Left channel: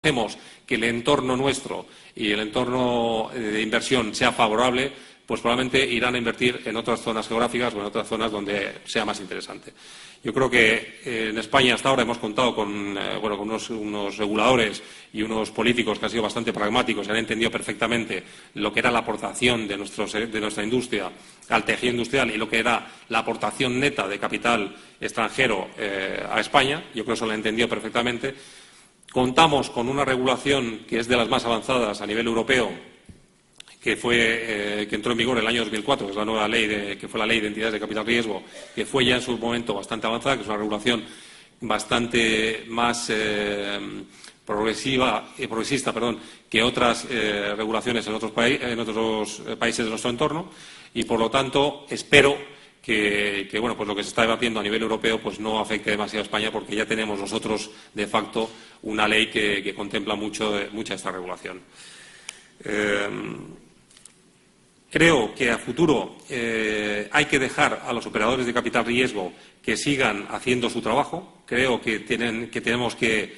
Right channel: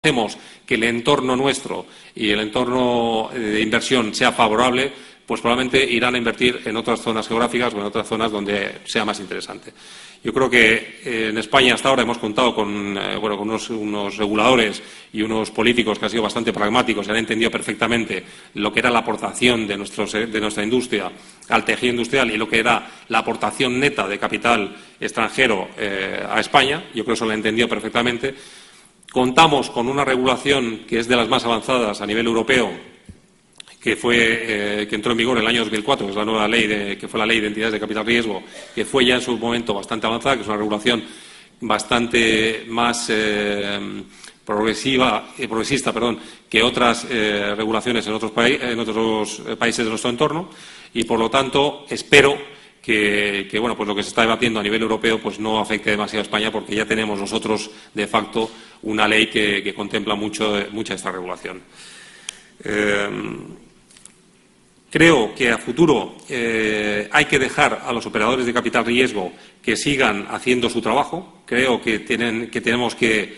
hacemos que el entorno nuestro y el entorno de inversión sea favorable, pues probablemente irán a invertir en otras zonas geográficas o en otras zonas donde sea más interesante. Yo creo que en España hasta ahora hemos contado con unos reguladores y unos políticos que han sido bastante pragmáticos y han entendido perfectamente lo que era la aportación de nuestra industria al tejido industrial y lo que era la aportación neta de capital extranjero a España. Yo creo que eso lo han entendido perfectamente. Contamos con una regulación que es de las más avanzadas a nivel europeo, que entró en vigor en el año 2004, que es la nueva ley, que fue la Ley de Entidades de Capital Riesgo, que fue ya en su momento bastante avanzada, que es una regulación bastante más progresista que otras regulaciones en otros países de nuestro entorno, y por lo tanto espero que lo que se está debatiendo a nivel europeo pues no afecte demasiado a España, porque ya tenemos nosotros de facto una ley que contempla mucha esta regulación. Creo que a futuro hay que dejar a los operadores de capital riesgo que sigan haciendo su trabajo. Creo que tenemos que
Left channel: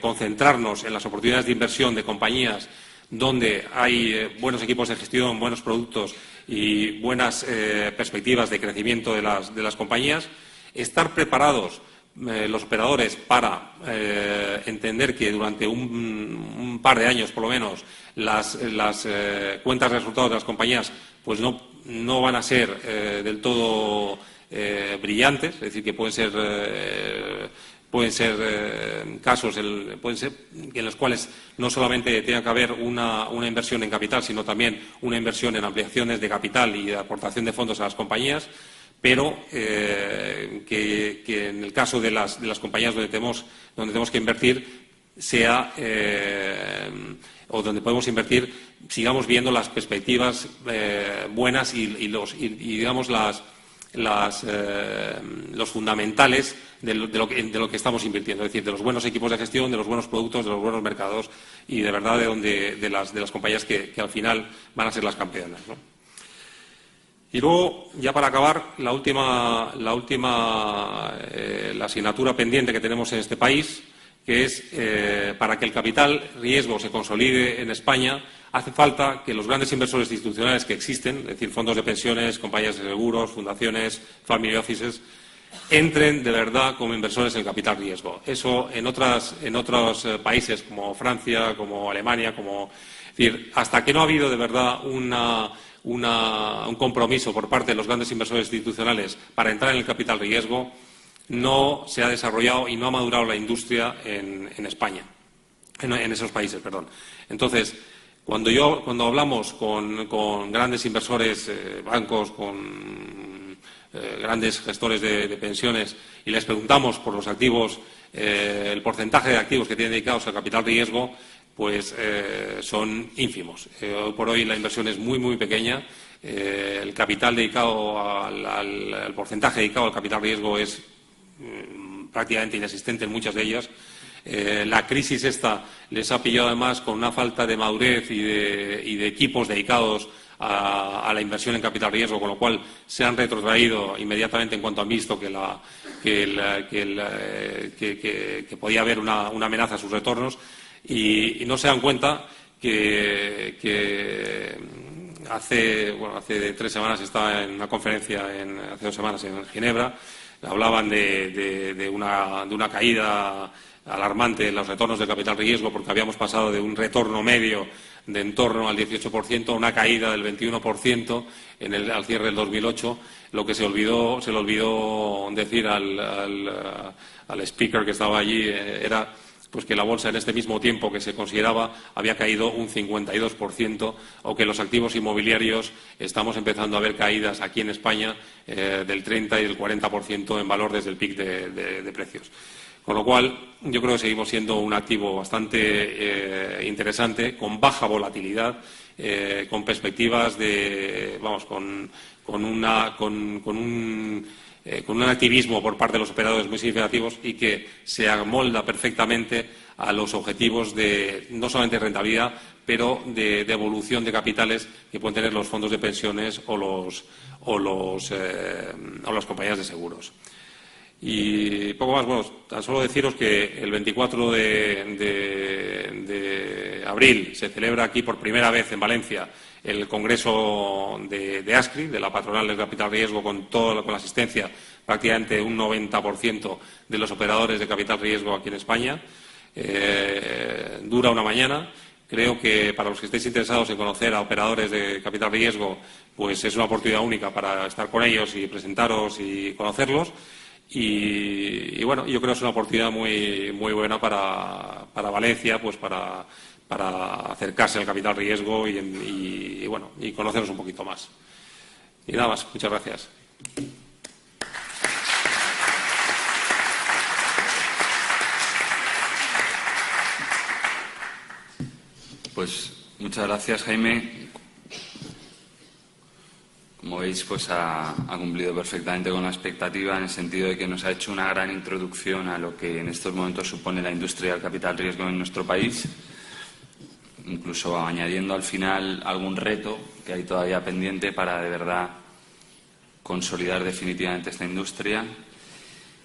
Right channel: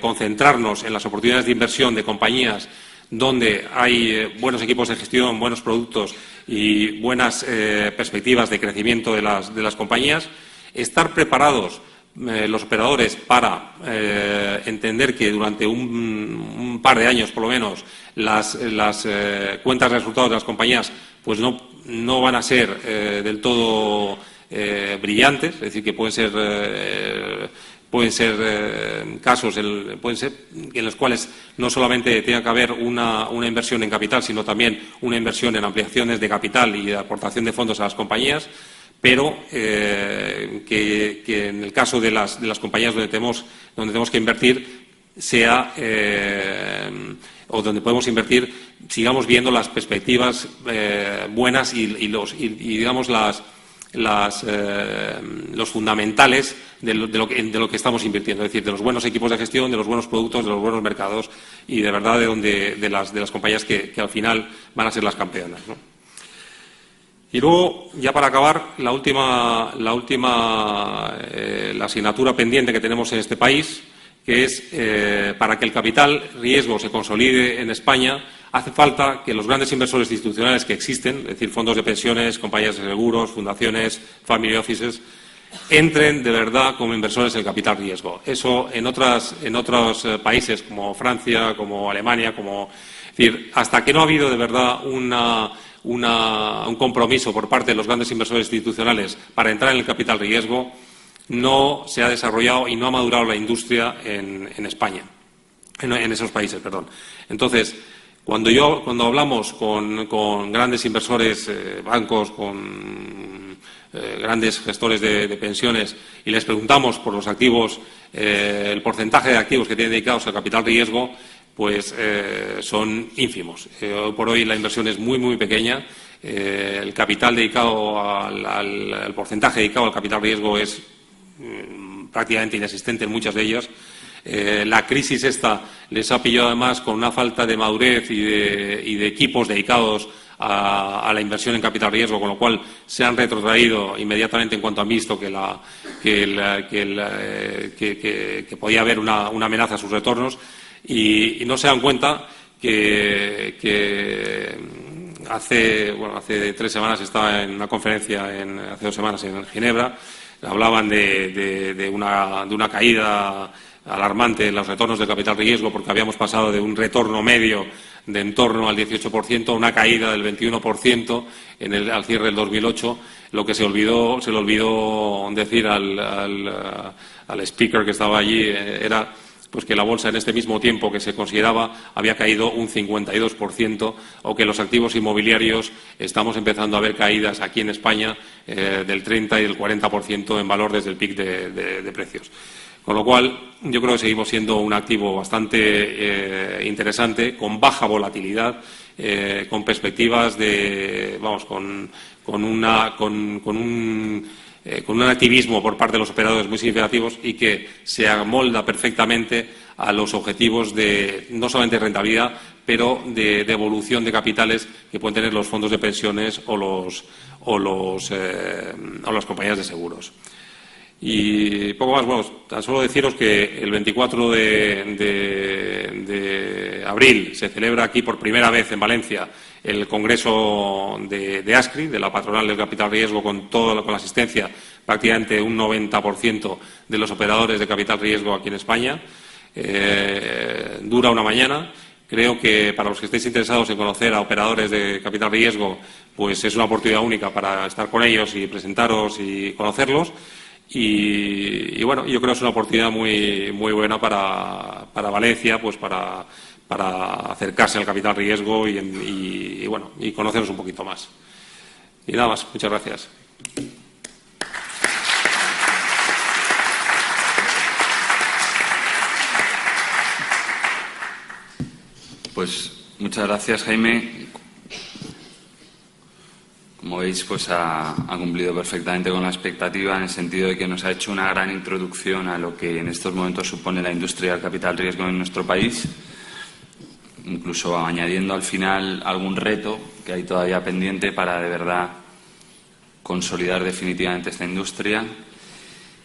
concentrarnos en las oportunidades de inversión de compañías donde hay buenos equipos de gestión, buenos productos y buenas perspectivas de crecimiento de las compañías. Estar preparados los operadores para entender que durante un par de años, por lo menos, las cuentas de resultados de las compañías pues no van a ser del todo brillantes, es decir, que pueden ser casos en los cuales no solamente tenga que haber una inversión en capital, sino también una inversión en ampliaciones de capital y de aportación de fondos a las compañías, pero que en el caso de las compañías donde tenemos que invertir o donde podemos invertir, sigamos viendo las perspectivas buenas y digamos los fundamentales de lo que estamos invirtiendo, es decir, de los buenos equipos de gestión, de los buenos productos, de los buenos mercados y de verdad de las compañías que al final van a ser las campeonas, ¿no? Y luego, ya para acabar, la asignatura pendiente que tenemos en este país, que es para que el capital riesgo se consolide en España, hace falta que los grandes inversores institucionales que existen, es decir, fondos de pensiones, compañías de seguros, fundaciones, family offices, entren de verdad como inversores en capital riesgo. Eso en otros países como Francia, como Alemania, es decir, hasta que no ha habido de verdad un compromiso por parte de los grandes inversores institucionales para entrar en el capital riesgo, no se ha desarrollado y no ha madurado la industria en España, en esos países, perdón. Entonces, cuando hablamos con grandes inversores, bancos, con grandes gestores de pensiones y les preguntamos por los activos, el porcentaje de activos que tienen dedicados al capital riesgo, pues son ínfimos. Hoy por hoy la inversión es muy, muy pequeña. El capital dedicado el porcentaje dedicado al capital riesgo es prácticamente inexistente en muchas de ellas. La crisis esta les ha pillado además con una falta de madurez y de equipos dedicados a la inversión en capital riesgo, con lo cual se han retrotraído inmediatamente en cuanto han visto que podía haber una amenaza a sus retornos. Y no se dan cuenta que hace 3 semanas estaba en una conferencia, hace 2 semanas en Ginebra, hablaban de una caída alarmante en los retornos del capital riesgo, porque habíamos pasado de un retorno medio de en torno al 18% a una caída del 21% al cierre del 2008. Lo que se le olvidó decir al speaker que estaba allí era pues que la bolsa en este mismo tiempo que se consideraba había caído un 52%, o que los activos inmobiliarios estamos empezando a ver caídas aquí en España del 30 y del 40% en valor desde el pic de precios. Con lo cual, yo creo que seguimos siendo un activo bastante interesante, con baja volatilidad, con perspectivas con un activismo por parte de los operadores muy significativos y que se amolda perfectamente a los objetivos de no solamente rentabilidad, pero de evolución de capitales que pueden tener los fondos de pensiones o las compañías de seguros. Y poco más, bueno, tan solo deciros que el 24 de abril se celebra aquí por primera vez en Valencia el Congreso de ASCRI, de la patronal del capital riesgo, con la asistencia prácticamente un 90% de los operadores de capital riesgo aquí en España. Dura una mañana. Creo que para los que estéis interesados en conocer a operadores de capital riesgo, pues es una oportunidad única para estar con ellos y presentaros y conocerlos. Y bueno, yo creo que es una oportunidad muy buena para Valencia, pues para acercarse al capital riesgo y bueno, y conoceros un poquito más. Y nada más, muchas gracias. Pues muchas gracias, Jaime. Como veis, pues ha cumplido perfectamente con la expectativa, en el sentido de que nos ha hecho una gran introducción a lo que en estos momentos supone la industria del capital riesgo en nuestro país, incluso añadiendo al final algún reto que hay todavía pendiente para de verdad consolidar definitivamente esta industria.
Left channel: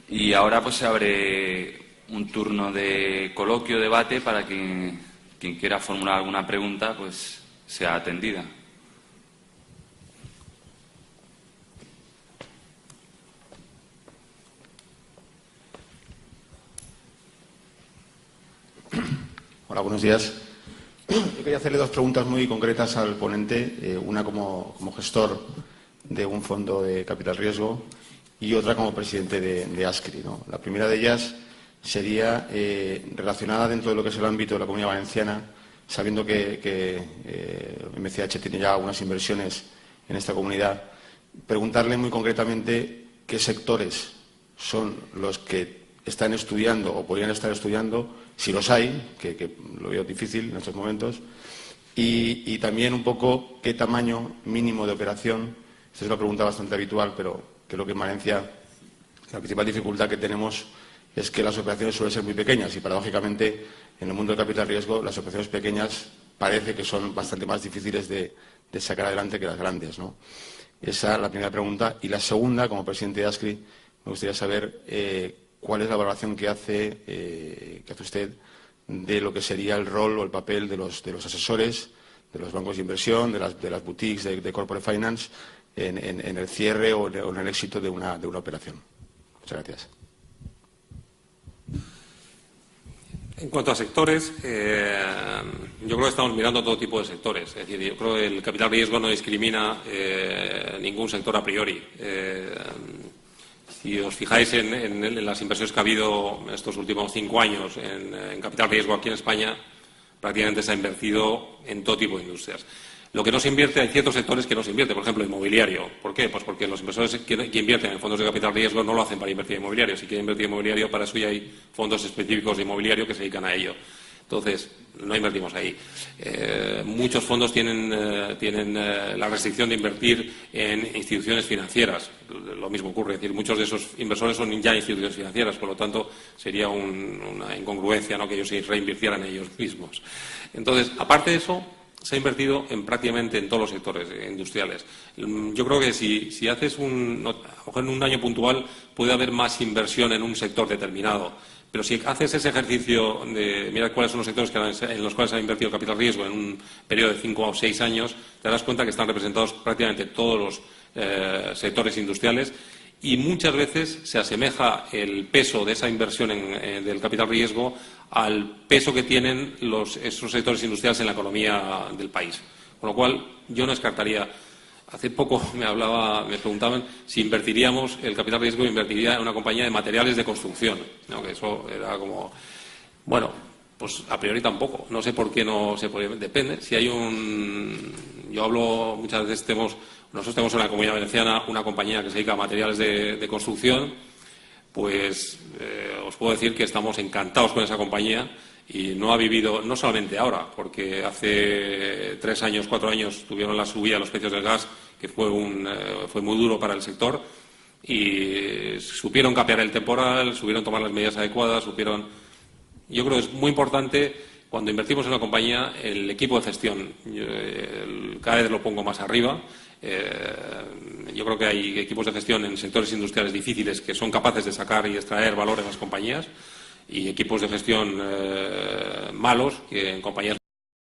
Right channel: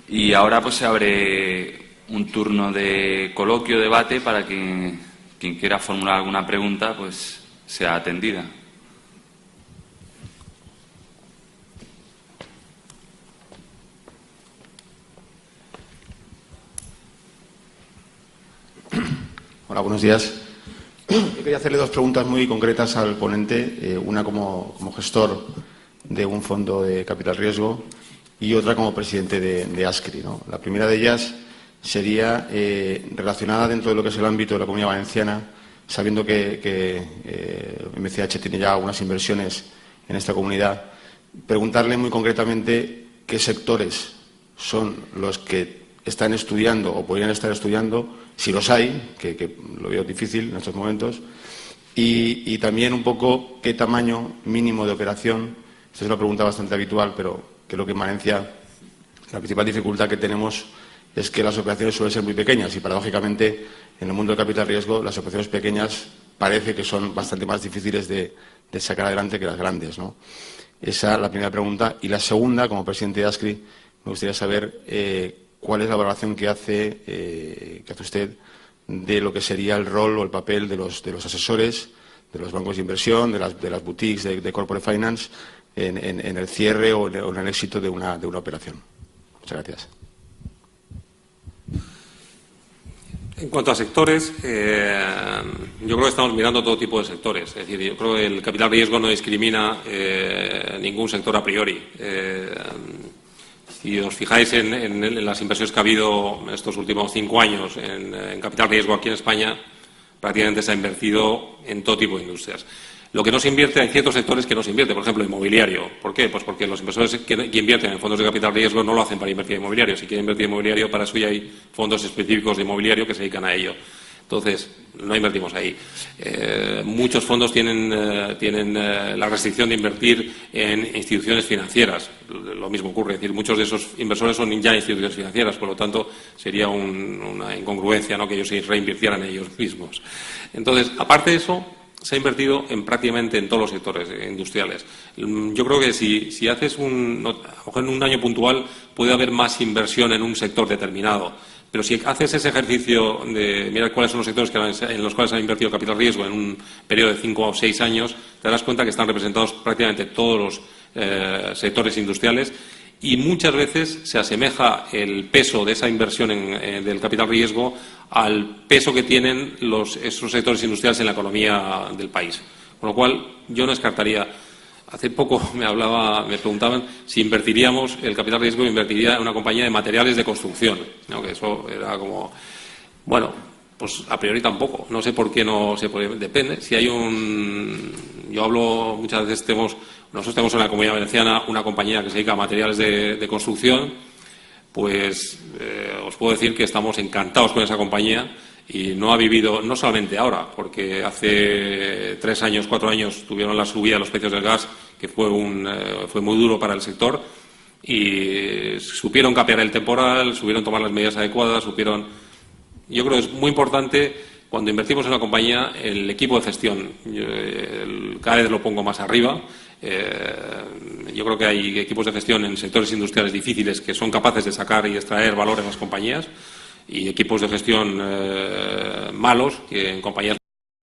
Y ahora pues se abre un turno de coloquio, debate, para que quien quiera formular alguna pregunta pues sea atendida. Hola, buenos días. Yo quería hacerle dos preguntas muy concretas al ponente, una como gestor de un fondo de capital riesgo y otra como presidente de ASCRI, ¿no? La primera de ellas sería relacionada dentro de lo que es el ámbito de la Comunidad Valenciana, sabiendo que MCH tiene ya algunas inversiones en esta comunidad, preguntarle muy concretamente qué sectores son los que están estudiando o podrían estar estudiando, si los hay, que lo veo difícil en estos momentos, y también un poco qué tamaño mínimo de operación. Esta es una pregunta bastante habitual, pero creo que en Valencia la principal dificultad que tenemos es que las operaciones suelen ser muy pequeñas y, paradójicamente, en el mundo del capital riesgo, las operaciones pequeñas parece que son bastante más difíciles de sacar adelante que las grandes, ¿no? Esa es la primera pregunta. Y la segunda, como presidente de ASCRI, me gustaría saber cuál es la valoración que hace usted de lo que sería el rol o el papel de los asesores, de los bancos de inversión, de las boutiques de corporate finance en el cierre o en el éxito de una operación. Muchas gracias. En cuanto a sectores, yo creo que estamos mirando todo tipo de sectores. Es decir, yo creo que el capital riesgo no discrimina ningún sector a priori. Si os fijáis en las inversiones que ha habido en estos últimos 5 años en capital riesgo aquí en España, prácticamente se ha invertido en todo tipo de industrias. Lo que no se invierte, hay ciertos sectores que no se invierte, por ejemplo, inmobiliario. ¿Por qué? Pues porque los inversores que invierten en fondos de capital riesgo no lo hacen para invertir en inmobiliario. Si quieren invertir en inmobiliario, para eso ya hay fondos específicos de inmobiliario que se dedican a ello. Entonces, no invertimos ahí. Muchos fondos tienen la restricción de invertir en instituciones financieras. Lo mismo ocurre, es decir, muchos de esos inversores son ya instituciones financieras, por lo tanto, sería una incongruencia, ¿no?, que ellos se reinvirtieran ellos mismos. Entonces, aparte de eso, se ha invertido prácticamente en todos los sectores industriales. Yo creo que si haces en un año puntual puede haber más inversión en un sector determinado, pero si haces ese ejercicio de mirar cuáles son los sectores en los cuales ha invertido capital riesgo en un periodo de 5 o 6 años, te darás cuenta que están representados prácticamente todos los sectores industriales. Y muchas veces se asemeja el peso de esa inversión del capital riesgo al peso que tienen esos sectores industriales en la economía del país. Con lo cual, yo no descartaría. Hace poco me preguntaban si invertiríamos el capital riesgo, invertiría en una compañía de materiales de construcción, ¿no? Que eso era como, bueno, pues a priori tampoco. No sé por qué no se puede. Depende. Si hay yo hablo muchas veces nosotros tenemos en la Comunidad Valenciana una compañía que se dedica a materiales de construcción, pues os puedo decir que estamos encantados con esa compañía y no ha vivido, no solamente ahora, porque hace 3 años, 4 años tuvieron la subida de los precios del gas, que fue muy duro para el sector, y supieron capear el temporal, supieron tomar las medidas adecuadas, yo creo que es muy importante cuando invertimos en una compañía, el equipo de gestión, cada vez lo pongo más arriba. Yo creo que hay equipos de gestión en sectores industriales difíciles que son capaces de sacar y extraer valor en las compañías, y equipos de gestión malos que en compañías